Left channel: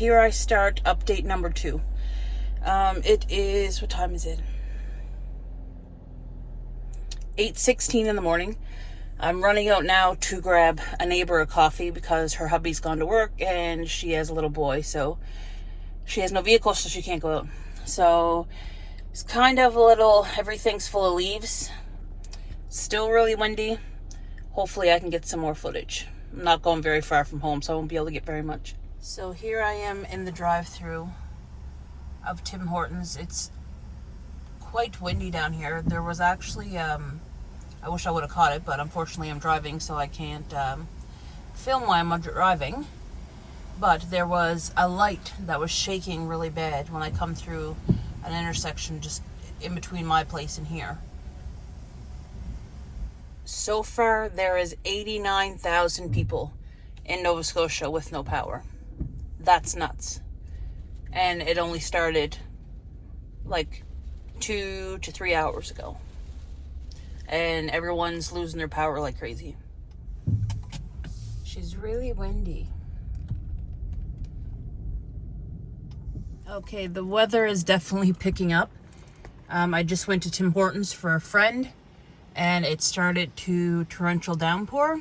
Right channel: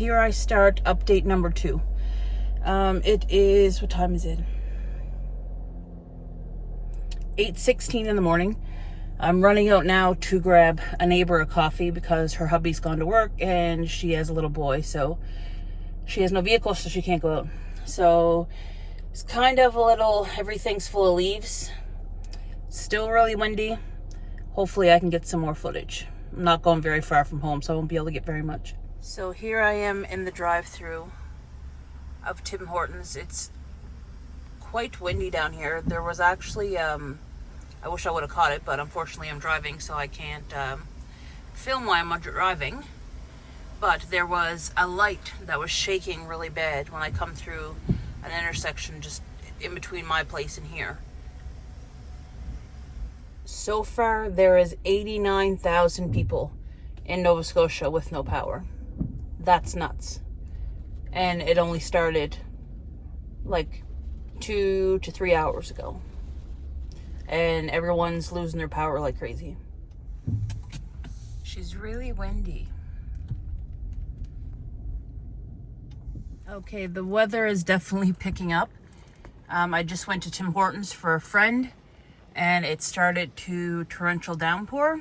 here I start update number 2. It is, what time is it? 8:16 in the morning. I'm running out now to grab a neighbor a coffee because her hubby's gone to work and she has a little boy, so she has no vehicle, so she can't go out. So it's kind of a little, everything's full of leaves. Still really windy. Hopefully I can get some more footage. I'm not going very far from home, so I won't be able to get very much. So here I am in the drive-thru of Tim Hortons. It's quite windy down here. There was actually, I wish I would have caught it, but unfortunately I'm driving, so I can't film while I'm driving. But there was a light that was shaking really bad when I come through an intersection just in between my place and here. So far, there is 89,000 people in Nova Scotia with no power. That's nuts. And it only started like 2 to 3 hours ago. And everyone's losing their power like crazy. She's really windy. Okay, the weather is definitely picking up. I just went to Tim Hortons for a friend, and it started to torrential downpour,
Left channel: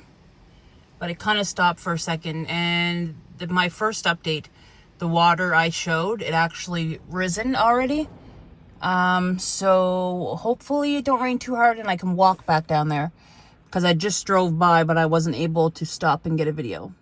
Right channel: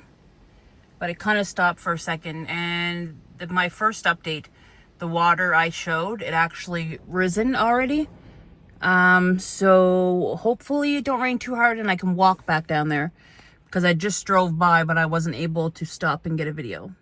but it kind of stopped for a second. And my first update, the water I showed, it actually risen already. So hopefully it don't rain too hard and I can walk back down there, because I just drove by, but I wasn't able to stop and get a video.